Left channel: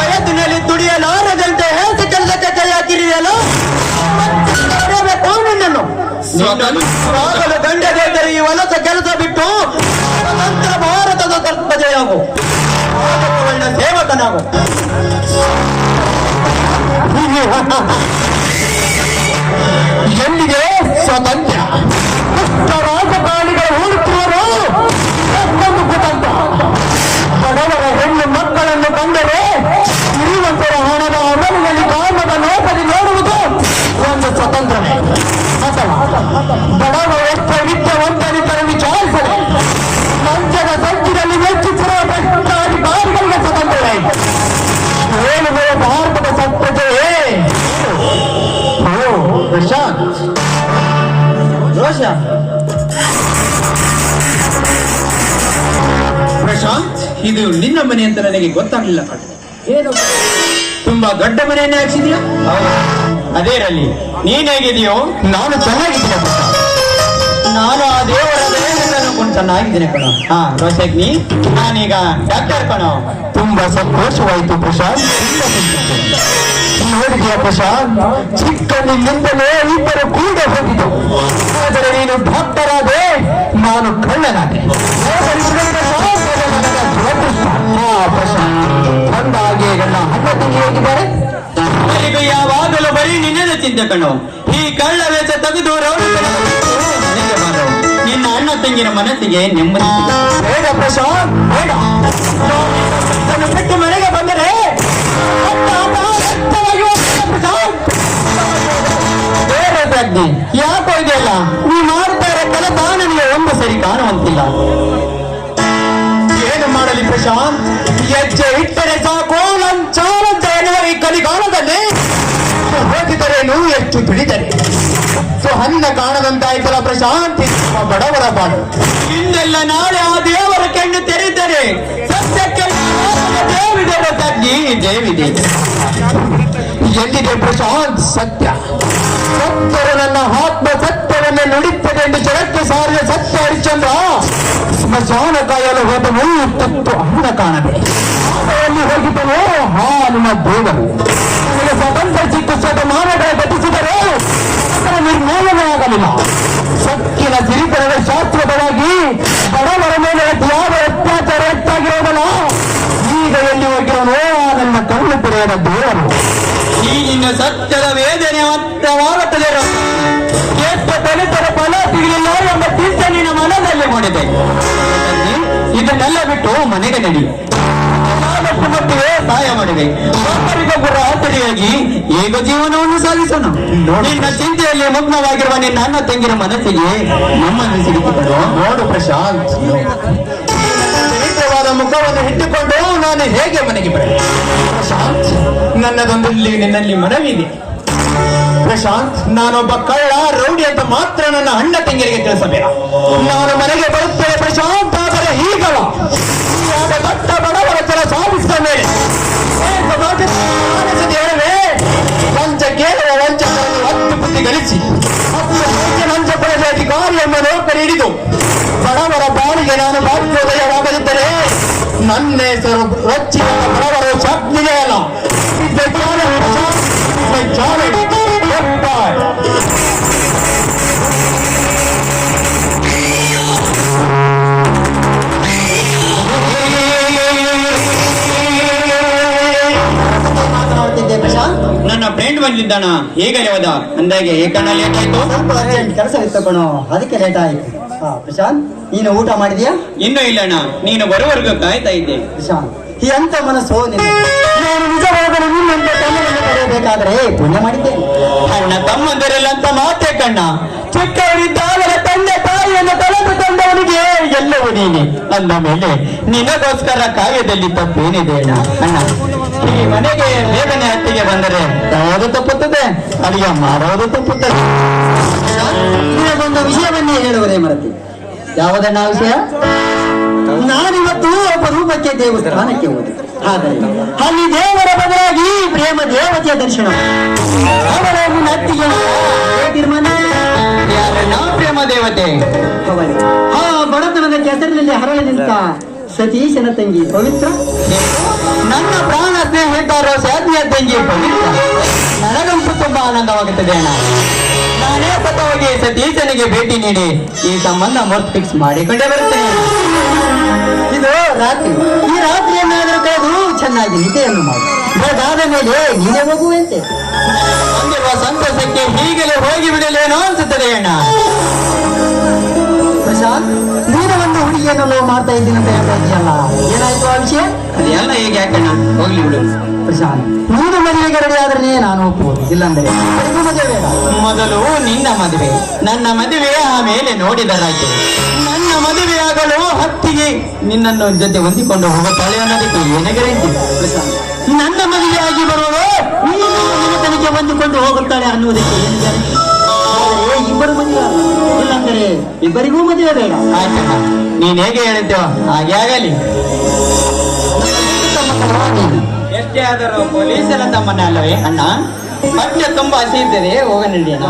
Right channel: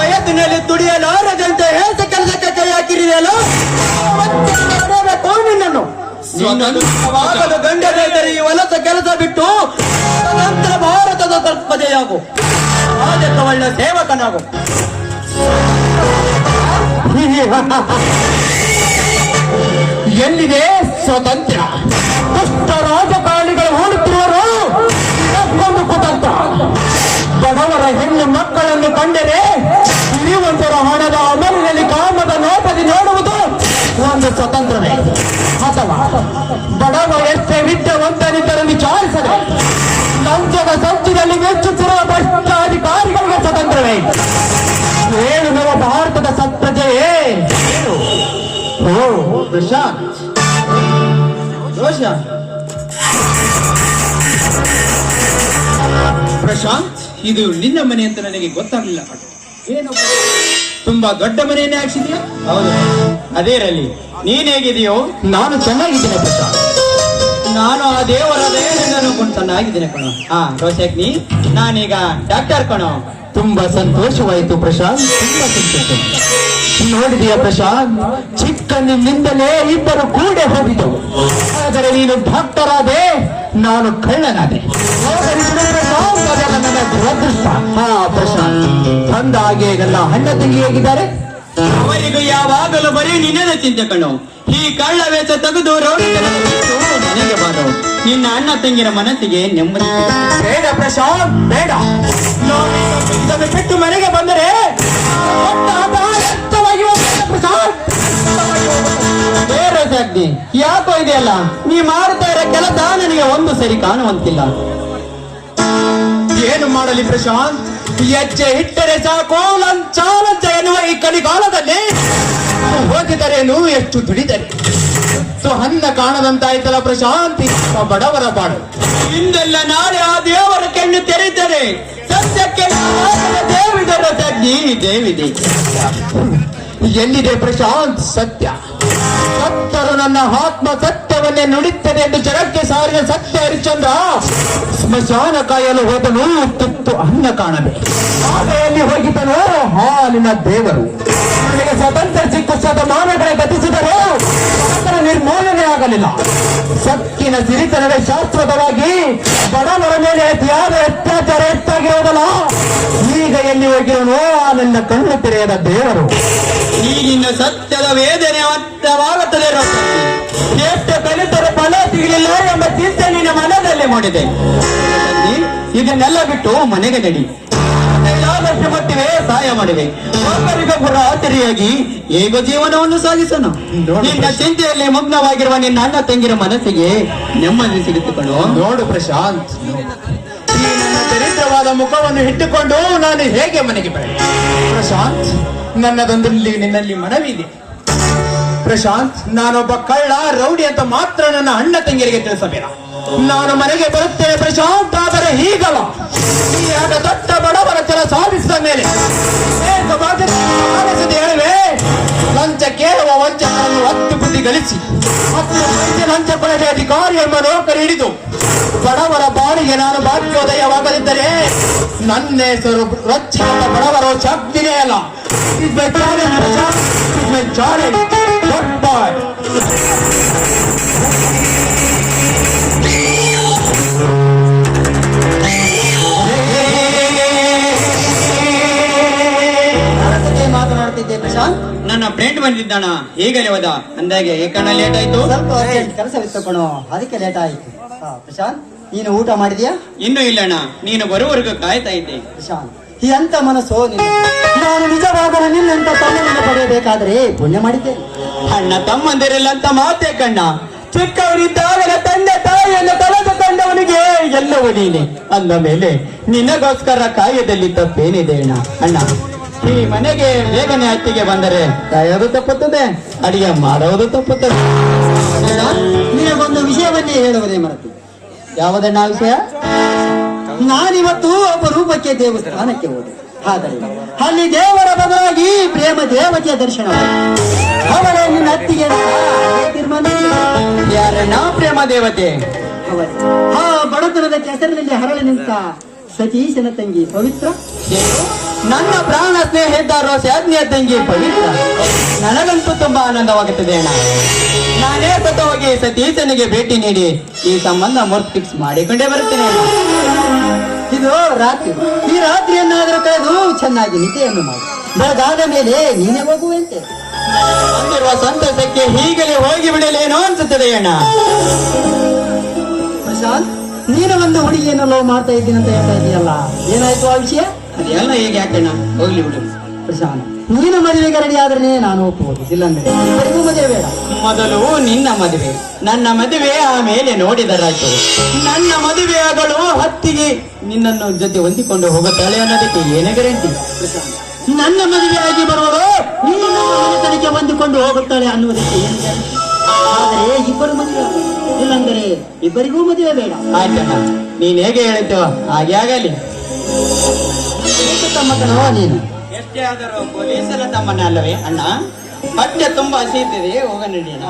ವಯಸ್ಸಿನಲ್ಲಿ ದುಡಿಯಲಾರದಂತೆ ಹೇಸ ಕೆಲಸಕ್ಕೆ ಕೈ ಹಾಕಿರಿಯಲ್ಲ ನಿನ್ನನ್ನು ಆಗಲು ಗಂಡಗೇತರಿ ಈ ವಲಸ ಕೆಲಸ ಬಿಟ್ಟು ಸ್ವತಂತ್ರ ಭಾರತದ ಪ್ರಜೆಯಾಗು, ರಾಜಕ್ಕೆ ಒಳ್ಳೆ ಸೇವಕನಾಗು. ಎಲ್ಲಿಗೆ ಸ್ವಾತಂತ್ರ್ಯ? ದುಷ್ಟ ರಾಜಕಾರಣಿಗಳು ಹೋಲುತ್ತಿರುವರು ಒಂದು ಕುತಂತ್ರ. ಬಡವರ ಹೆಣ್ಣು ಮಕ್ಕಳನ್ನು ಕಂಡರೆ ಶ್ರೀಮಂತರ ಹಣದ ಅಮಲಿನಲ್ಲಿ ಕಾಮದ ನೋಟದಿ ನೋಡುವುದು ಒಂದು ಸ್ವತಂತ್ರವೇ? ಅಥವಾ ಬಡವ ಎಷ್ಟೇ ವಿದ್ಯಾವಂತನಿದ್ದರೂ ವಿಚಾರಿಸದೆ ಲಂಚದ ಸಂಚಿನಲ್ಲಿ ಮೆಚ್ಚುತ್ತಿರುವ ಭ್ರಷ್ಟಾಧಿಕಾರಿಗಳಿಗೆ ಸ್ವತಂತ್ರವೇ? ಏಳುಗಳ ಭಾರತದ ಸತ್ಪ್ರಜೆಯೇ? ಪ್ರಶಾಂತ್, ರೋಷ ಪ್ರಶಾಂತ್, ಇದು ನಿನ್ನ ಮನೆ ಅಂತ ನನಗೆ ಗೊತ್ತಾಗ್ಲಿಲ್ಲ. ಏನು ತುಂಬಾ ದೊಡ್ಡ ಮನೆಯನ್ನೇ ಹಾಕ್ಸಿದ್ಯಾ? ಅದೇ ಇರಲಿ. ನೀನ್ ಹೇಗಿದೆಯೋ? ನಾನು ಚೆನ್ನಾಗಿದ್ದೇನೆ ಪ್ರಶಾಂತ್. ನಾನು ಆ ದೇವರ ದಯೆಯಿಂದ ಅನ್ಕೊಂಡು ಚೆನ್ನಾಗಿದ್ದೀನಿ ಕಣೋ. ರೋಷಗ್ನಿ, ನಾನೀಗ ಡಾಕ್ಟರ್ ಕಣೋ. ತುಂಬಾ ಸಂತೋಷವಾಯಿತು ಪ್ರಶಾಂತ್, ತುಂಬಾ ಸಂತೋಷ. ನೋಡಿದೆಯಾ ಪ್ರಶಾಂತ್, ಚಿಕ್ಕನಿಂದಲೇ ಇಬ್ಬರು ಕೂಡ ಹೋಗಿದ್ದವು. ಆದರೆ ನೀನು ಡಾಕ್ಟರ್ ಆದೆ, ನಾನು ಕಳ್ಳನಾದೆ. ದುರದೃಷ್ಟ. ಪ್ರಶಾಂತ್, ಬಂದ ಹಾಗೆ ಎಲ್ಲ ಅಣ್ಣ ತಂಗಿ ಹೇಗಿದ್ದಾರೆ? ಅವರಿಗೆ ಯಾವಾಗಲೂ ಬರೀ ನಿನ್ನದೇ ಚಿಂತೆ ಕಣೋ. ಈ ಕಳ್ಳ ವೇಷ ತೆಗೆದು ಮನೆಗೆ ಬಾರವು. ನಿನ್ನ ಅಣ್ಣ ತಂಗಿರ ಮನಸ್ಸಿಗೆ ನೆಮ್ಮದಿ. ಬೇಡ ಪ್ರಶಾಂತ್, ಬೇಡ. ಇದನ್ನು ಬಿಟ್ಟು ಮನೆಗೆ ಬಂದರೆ ಬೇರೆ ಸಾಧ್ಯ. ಯಾಕೋ ಇದೆಯಲ್ಲ, ನೀ ಮಾಡ್ತಾ ಇರೋ ಕೆಲಸ ನನಗೆ ಒಂದು ಸರಿ ಕಾಣುವಂತಿಲ್ಲ. ಏನು ಮಾಡಲಿ ಪ್ರಶಾಂತ್? ಹೆಜ್ಜೆ ಇಟ್ಟರೆ ಸಾಕು ಲಂಚಾಲಂಚ ಎನ್ನುವ ಈ ಕಲಿಗಾಲದಲ್ಲಿ ಹೋಗಿದರೇನು, ಎಷ್ಟು ದುಡಿದರೆ ಅನ್ನ ಕಾಣದಂತಾಯ್ತಲ್ಲ ಪ್ರಶಾಂತ್. ಬಡವರ ಬಾಳು ಹಿಂದೆಲ್ಲ ನಾಳೆ ಆ ದೇವರ ಕಣ್ಣು ತೆರೀತಾರೆ. ಸತ್ಯಕ್ಕೆಲ್ಲ ದೇವಿದೆ ಸಜ್ಜಿ, ದೇವಿದೆ. ಎಲ್ಲಿದೆ ಪ್ರಶಾಂತ್ ಸತ್ಯ? ಸತ್ತರು ನನ್ನ ಆತ್ಮ ಸತ್ಯವನ್ನೇ ನುಡಿಯುತ್ತದೆ ಎಂದು ಜಗಕ್ಕೆ ಸಾರಿದ ಸತ್ಯ ಹರಿಶ್ಚಂದ್ರ ಸ್ಮಶಾನ ಕಾಯಲು ಹೋದನು, ತುತ್ತು ಅನ್ನ ಕಾಣದೆ ಆಮೆಯಲ್ಲಿ ಹೋಗಿದ್ದನು ಹಾಲಿನ ದೇವರು. ನನಗೆ ಸ್ವತಂತ್ರ ಸಿಕ್ಕು ಶತಮಾನಗಳ ಗತಿಸಿದರೆ ನಿರ್ಮೂಲನೆ ಆಗಲಿಲ್ಲ. ಸಕ್ಕಿನ ಸಿರಿತನದ ಶಾಶ್ವತವಾಗಿ ಬಡವರ ಮೇಲೆ ಯಾವ ಅತ್ಯಾಚಾರ ಹೆಚ್ಚಾಗಿರೋದಲ್ಲ. ಈಗ ಎಲ್ಲಿ ಹೋಗಿರೋನು ನನ್ನ ಕಣ್ಣು ತೆರೆಯದ ದೇವರು. ಈಗಿನ ಸತ್ಯದ ವೇದನೆ ಅರ್ಥವಾಗುತ್ತದೆ. ಎಷ್ಟು ದಲಿತರ ಫಲ ಸಿಗಲಿಲ್ಲ ಎಂಬ ಚಿಂತೆ ನಿನ್ನ ಮನದಲ್ಲಿ ಮೂಡಿದೆ. ಇದನ್ನೆಲ್ಲ ಬಿಟ್ಟು ಮನೆಗೆ ನಡಿ. ಆದಷ್ಟು ಮಟ್ಟಿಗೆ ಸಹಾಯ ಮಾಡಿದೆ. ಒಬ್ಬರಿಗೊಬ್ಬರ ಆತರಿಯಾಗಿ ಹೇಗ ಜೀವನವನ್ನು ಸಾಗಿಸೋಣ. ನಿನ್ನ ಚಿಂತೆಯಲ್ಲಿ ಮಗ್ನವಾಗಿರುವ ನಿನ್ನ ಅಣ್ಣ ತಂಗಿರ ಮನಸ್ಸಿಗೆ ನೆಮ್ಮದಿ ಸಿಗುತ್ತದೆ. ನೋಡು ಪ್ರಶಾಂತ್, ಈ ನನ್ನ ದರಿದ್ರವಾದ ಮುಖವನ್ನು ಇಟ್ಟುಕೊಂಡು ನಾನು ಹೇಗೆ ಮನೆಗೆ ಬರಲಿ? ಪ್ರಶಾಂತ್, ನನ್ನದೊಂದು ನಿನ್ನಲ್ಲಿ ಮನವಿ ಇದೆ. ಪ್ರಶಾಂತ್, ನಾನೊಬ್ಬ ಕಳ್ಳ ರೌಡಿ ಅಂತ ಮಾತ್ರ ನನ್ನ ಅಣ್ಣ ತಂಗಿಯರಿಗೆ ತಿಳಿಸಬೇಡ. ನಾನು ಮನೆಗೆ ಬರುತ್ತೇನೆ ಪ್ರಶಾಂತ್, ಆದರೆ ಹೀಗಲ್ಲ. ಆಗ ದೊಡ್ಡ ಬಡವರ ಕೆಲ ಸಾಧಿಸಿದ ಮೇಲೆ ಹೇಳುವೆ, ಲಂಚ ಕೇಳುವ ವಂಚಕರನ್ನು 10 ಬುದ್ಧಿ ಗಳಿಸಿ 10 ಲಂಚ ಪಡೆದ ಅಧಿಕಾರಿ ಎಂಬ ನೌಕರಿ ಹಿಡಿದು ಬಡವರ ಬಾಳಿಗೆ ನಾನು ಭಾಗ್ಯೋದಯವಾಗದಿದ್ದರೆ ನನ್ನ ಹೆಸರು ರಚ್ಚಿ ನನ್ನ ಬಡವರ ಶಾಕ್ತಿಗೆ ಅಲ್ಲ. ಮಾತನಾಡ್ತಿದ್ದೆ ಪ್ರಶಾಂತ್. ನನ್ನ ಫ್ರೆಂಡ್ ಬಂದಿದ್ದಾನ, ಹೇಗಲೇ ಹೋದ ಅಂದಾಗೆ ಏಕಣ್ಣ ಲೇಟ್ ಆಯ್ತು. ಸ್ವಲ್ಪ ಅರ್ಜೆಂಟ್ ಕೆಲಸ ಇತ್ತು ಕಣೋ, ಅದಕ್ಕೆ ಲೇಟ್ ಆಯ್ತು. ಪ್ರಶಾಂತ್, ನೀನು ಊಟ ಮಾಡಿದ್ಯಾ? ಇನ್ನೂ ಇಲ್ಲಣ್ಣ, ನೀನು ಬರುವವರೆಗೂ ಕಾಯ್ತಾ ಇದ್ದೆ. ಪ್ರಶಾಂತ್, ಎಂತ ಮನಸ್ಸು ನಿನ್ನ. ನಾನು ನಿಜವಾಗಲೂ ನಿನ್ನಂತ ತಮ್ಮನನ್ನು ಪಡೆಯಬೇಕಾದ್ರೆ ಪುಣ್ಯ ಮಾಡಿದ್ದೇನೆ. ಅಣ್ಣ ತಮ್ಮಂದರೆಲ್ಲ ಅಂತ ಮಾತೇ ಕಣ್ಣ. ಚಿಕ್ಕವರಿದ್ದಾಗಲೇ ತಂದೆ ತಾಯಿಯನ್ನು ಕಳೆದುಕೊಂಡವನಿಗೆ ಎಲ್ಲವೂ ನೀನೆ ಅಂದ ಮೇಲೆ ನಿನಗೋಸ್ಕರ ಕಾರ್ಯದಲ್ಲಿ ತಪ್ಪೇನಿದೆ ಅಣ್ಣ. ಅಣ್ಣ, ಈ ಮನೆಗೆ ಬೇಗನೆ ಹಟ್ಟಿಗೆ ಬಂದರೆ ಕಾಯೋದು ತಪ್ಪುತ್ತದೆ, ಅಡಿಗೆ ಮಾಡೋದು ತಪ್ಪುತ್ತದೆ. ನಿನಗೊಂದು ವಿಷಯವನ್ನೇ ಹೇಳುವುದೇ ಮರತಿ. ಯಾವುದನ್ನ ವಿಷಯ? ನಾನಿವತ್ತು ಅಪರೂಪಕ್ಕೆ ದೇವಸ್ಥಾನಕ್ಕೆ ಹೋದೆ. ಆದರೆ ಅಲ್ಲಿ ದೇವರ ಬದಲಾಗಿ ಪ್ರೇಮ ದೇವತೆಯ ದರ್ಶನ. ಅವರನ್ನು ನತ್ತಿಗೆ ತೀರ್ಮಾನ. ಯಾರಣ್ಣ ಪ್ರೇಮ ದೇವತೆ? ಆ ಬಡತನದ ಕೆಸರಿನಲ್ಲಿ ಹರಳಿ ನಿಂತ ಸತೀಶನ ತಂಗಿ ಪವಿತ್ರ. ನನ್ನ ಪ್ರಾಣ ಸ್ನೇಹಿತರು ಸಾಧ್ಯ ತಂಗಿ ಪವಿತ್ರ. ನನಗಂತೂ ತುಂಬಾ ಆನಂದವಾಗುತ್ತದೆ ಅಣ್ಣ. ನಾನೇ ಸ್ವತಃವಾಗಿ ಸತೀಶನಿಗೆ ಭೇಟಿ ನೀಡಿ ಈ ಸಂಬಂಧ ಮೊದಲು ಫಿಕ್ಸ್ ಮಾಡಿಕೊಂಡೇ ಬರುತ್ತೇನೆ ಅಣ್ಣ. ಇದು ರಾತ್ರಿ. ಈ ರಾತ್ರಿಯನ್ನಾದರೂ ಕಳೆದು ಚೆನ್ನಾಗಿ ನಿದ್ದೆಯನ್ನು ಮಾಡಿ ಬೆಳಗಾದ ಮೇಲೆ ನೀನೇ ಹೋಗುವಂತೆ. ಬಂದಿರುವ ಸಂತಸಕ್ಕೆ ಹೀಗಲೇ ಹೋಗಿ ಬಿಡಲೇನೋ ಅನ್ಸುತ್ತದೆ ಅಣ್ಣ. ಪ್ರಶಾಂತ್, ನೀನು ಒಂದು ಹುಡುಗಿಯನ್ನು ಲವ್ ಮಾಡ್ತಾ ಇದ್ದೀನಿ ಅಂತ ಹೇಳ್ತಾ ಇದೆಯಲ್ಲ, ಏನಾಯ್ತು ಆ ವಿಷಯ? ಅದೆಲ್ಲ ಈಗ ಯಾಕಣ್ಣ, ಹೋಗ್ಲಿ ಬಿಡು. ಪ್ರಶಾಂತ್, ನೀನು ಮದುವೆಗೆ ರೆಡಿ ಆದ್ರೆ ನಾನು ಒಪ್ಪುವುದು, ಇಲ್ಲಾಂದ್ರೆ ಇಬ್ಬರಿಗೂ ಮದುವೆ ಬೇಡ. ಮೊದಲು ನಿನ್ನ ಮದುವೆ, ನನ್ನ ಮದುವೆ, ಆಮೇಲೆ ನೋಡಿದ ರಾಜ್ಯ. ನನ್ನ ಮದುವೆಯಾಗಲು ಹತ್ತಿಗೆ ನಿನ್ನನ್ನು ಜೊತೆ ಹೊಂದಿಕೊಂಡು ಹೋಗುತ್ತಾಳೆ ಅನ್ನೋದಕ್ಕೆ ಏನೇ ಗ್ಯಾರಂಟಿ? ಪ್ರಶಾಂತ್, ನನ್ನ ಮದುವೆಯಾಗಿ ಬರುವಳು ನೀನು ನಿನ್ನ ತನಗೆ ಹೊಂದಿಕೊಂಡು ಹೋಗುತ್ತಾಳೆ ಅನ್ನುವುದಕ್ಕೆ ಏನು ಗ್ಯಾರಂಟಿ? ಆದರೆ ಇಬ್ಬರು ಮದುವೆ ಆಗಲಿ, ಇಲ್ಲಾಂದರೆ ಇಬ್ಬರಿಗೂ ಮದುವೆ ಬೇಡ. ಆಯ್ತಣ್ಣ, ನೀನ್ ಹೇಗೆ ಹೇಳಿದ್ದೇವ ಹಾಗೆ ಆಗಲಿ. ತಮ್ಮ ಕಲವ ನೀನು. ಎಷ್ಟೇ ಆದರೂ ಪೊಲೀಸರ ತಮ್ಮನ ಅಲ್ಲವೇ ಅಣ್ಣ? ಪಠ್ಯ ತುಂಬಾ ಹಸಿ ಇದ್ದರೆ ಹೋಗ ನಡೆಯೋಣ.